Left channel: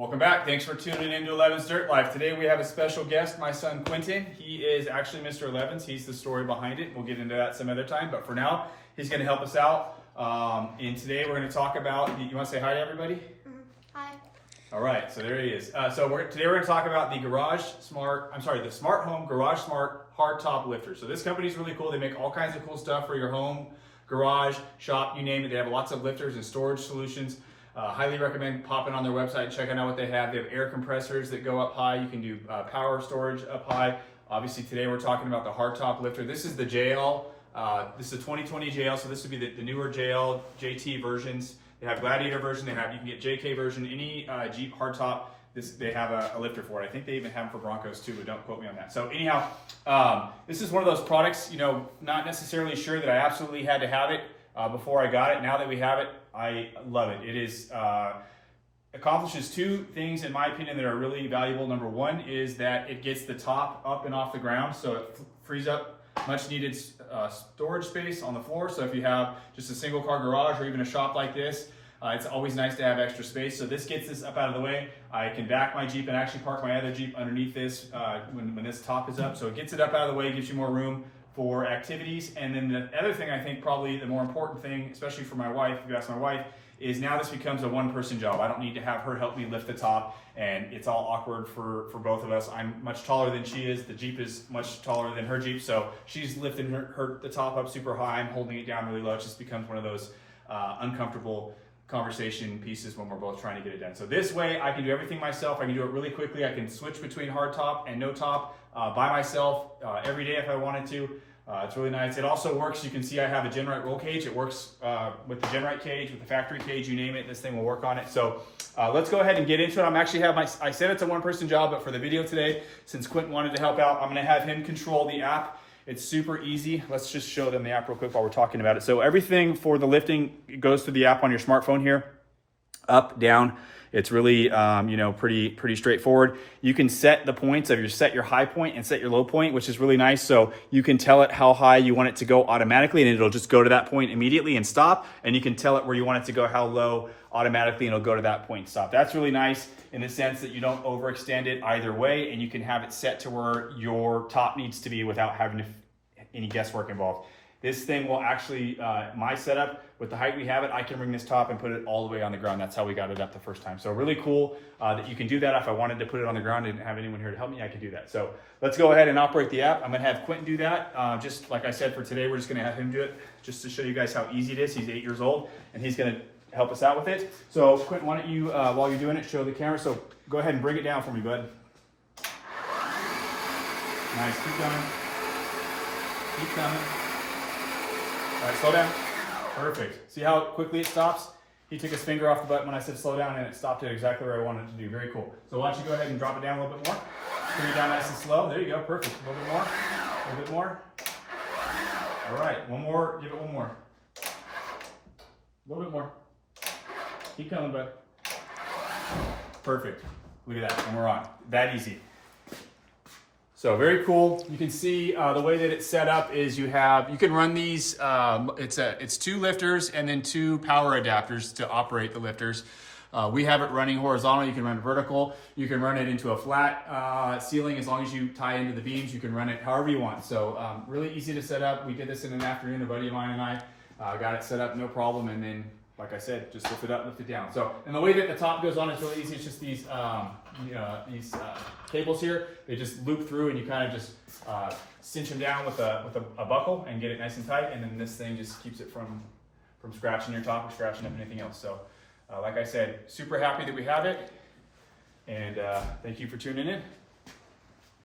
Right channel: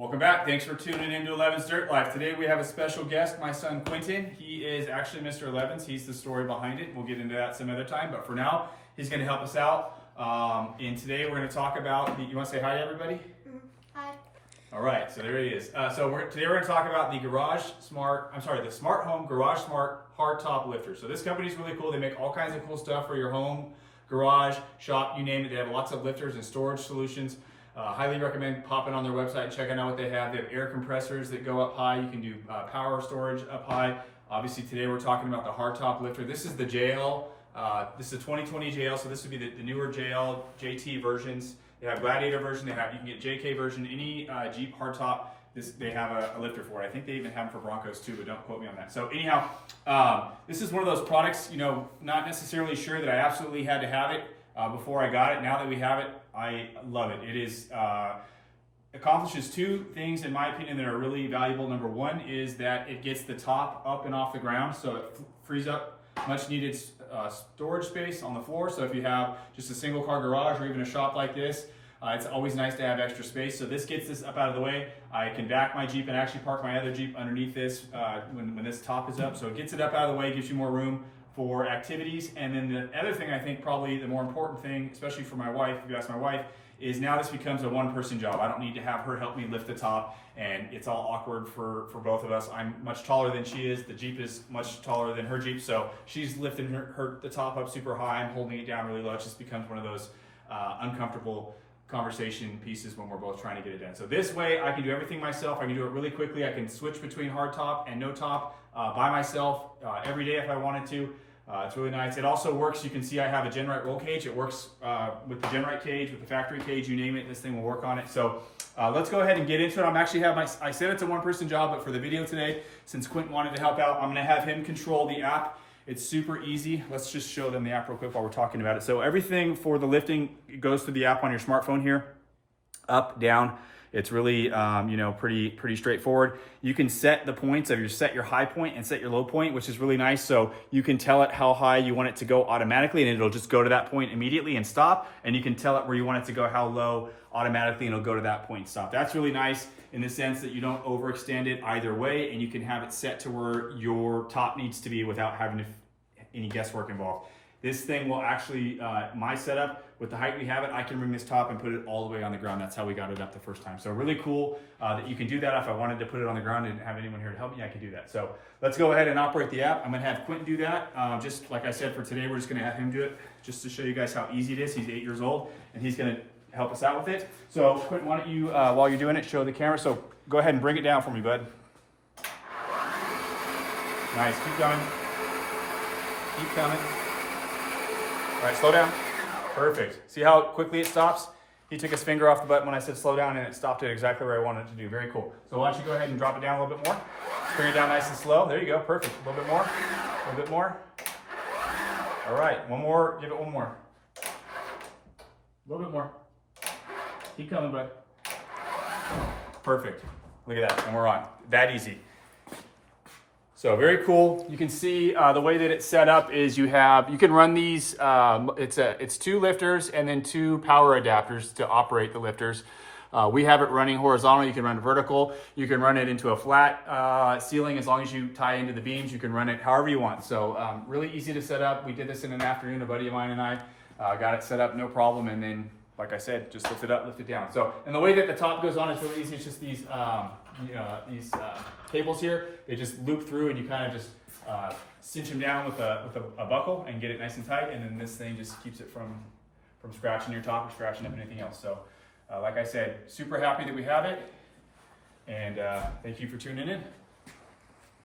Welcome back. Thanks for tuning into 11's Dirt Life. Today we have a special guest, my son Quentin. He is actually Mr. 11's. He's the story behind it. We'll get into that some other time, but for now, he's going to help us out. And today we're going to talk about, you want to say hi to everybody? Hi. All right, so there he is. Today we're going to talk about the Smart Home Garage Smart hardtop lifter. So this company is really cool. They make all kinds of cool stuff for your home, garage, shop, you name it. They have lots of lifters and storage solutions. Highly recommend popping on their website and checking out what they have. They have air compressors that go up high. You can do power storage up high. Obviously today we're talking about the hardtop lifter. This is the JL. This is a 2020 JL, so this would be the newer JL, JT versions. They have Gladiator version. You can get JK version. Any Jeep hardtop, they have a lifter for it. I think they even have them for Broncos too, but don't quote me on that. So anyhow, this is one of those products, not necessarily sure that I absolutely had to have it before I got it. Now that we have it, I love it. It is accomplishes two things in my opinion that are really valuable. Number one is that it gets the top up and off the ground, so it frees up much needed storage space on the floor. So if you have just a single car garage or even a shop like this, it's always nice to have extra space. So this gets this up out of the way. I can back my Jeep and actually park my other Jeep underneath this when this top is up. So it gets it up out of the way, gives you more room for activities. And then the other thing, I think probably the more important thing, especially for my wife, if you ask my wife, is now this becomes a one-person job. I don't need to have her help me lift the top, and it's all awkward for both of us. I'm much taller than she is. The Jeep is much taller than her Jeep, so she's lifting the top up super high. I'm holding it down really low. It just becomes one of those uncomfortable conversation pieces when we're both trying to get it done. So this way, I can do everything myself. I can do it really quickly. I can switch between hard top and no top by myself every day if I wanted to. It's really nice. It also works. You can see I have a Genrite roll cage. It works with the Genrite cage, with the factory cage, you name it. This thing will work on it. So let's go ahead and get into it. I said it's a one-person job, but for the video today, since Quentin wanted to help out, I'm going to have him control the app. It's super easy. Let's just show them the app real quick while we're talking about it. So everything for the lifting goes through the app on your smartphone here, up, down. It's really, pretty straightforward. You can set the points set your high point and set your low point, which is really nice. So you can tell it how high you want it to go automatically, and it'll just go to that point immediately and stop. And you can tell it where you want it to go, how low automatically, and it'll go to that point and stop. That's really nice in the sense that you don't overextend it either way, and you can have it set to where your top needs to be without having any guesswork involved. This thing will actually, my setup, with the height we have it, I can bring this top and put it all the way on the ground. That's how we got it up the first time. So really cool that you can do that. If I wanted to put it on the ground and didn't have anyone here to help me, I can do that. So let's go ahead and operate the app. I'm gonna have Quentin do that. Just like I said, for today, we're just gonna have him do it just to show you guys how easy it is. He's 8 years old and he's gonna help us out with it. So Quentin, why don't you, while you're doing it, show the camera. So go ahead and bring it down for me, bud. Nice, keep going. Keep coming. All right, slow down. Perfect. See how quickly it stops? He took his finger off the button when I said slow down, and it stopped it exactly where I wanted it to do. Very cool. So why don't you go ahead and drop it down a little bit more? Bring it down nice and slow. There you go. Perfect. A little bit more. A little bit more. All right. One more. Give it one more. A little bit more. Keep coming, bud. Perfect. Look at that. And we're on. That easy. So very cool. You can see the way that it's set up is you can run these, it's two lifters and then two power adapters to operate the lifters. We have it running horizontal. You can run it vertical. You can run it into a flat ceiling as long as you tie into the beams. You can run it however you want. So really easy to set up. We did this in an afternoon. A buddy of mine and I got it set up, no problem. And then, like I said, just lift it up, lift it down. So, and the way that the top goes on is really easy. It's just these cables here. They just loop through, and you kind of just cinch them down with a buckle and get it nice and tight. And then this thing just keeps it from scratching your top or scratching up anything else. So, like I said, super happy that we have it. And thank you for tuning in.